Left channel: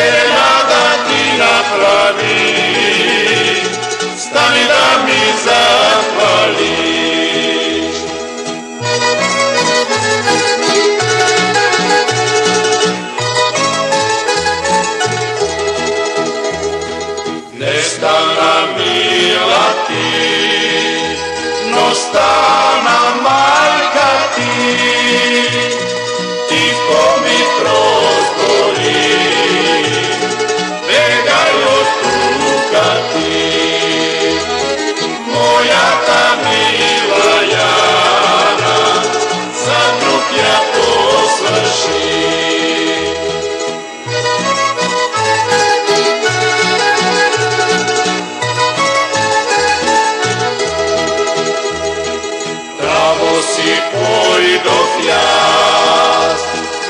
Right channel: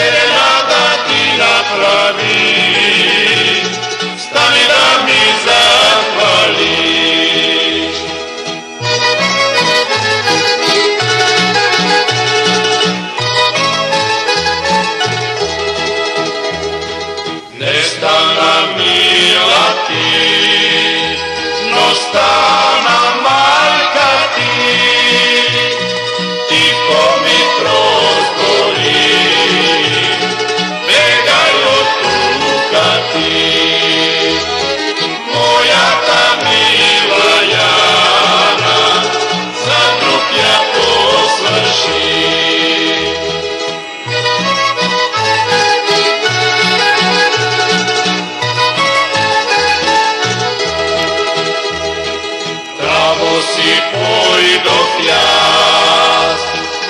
serenada ti napravi, stani da mi zahvališ. Nestana mila ti, no stana majka ti, tiho mi prozbori, begaj od tuka ti. Moja ta mila Jana, za druga posvrši. Travo si pojdov jas,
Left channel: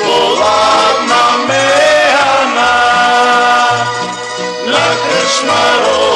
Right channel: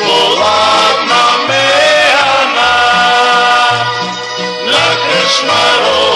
hladná mehana, na krčmarom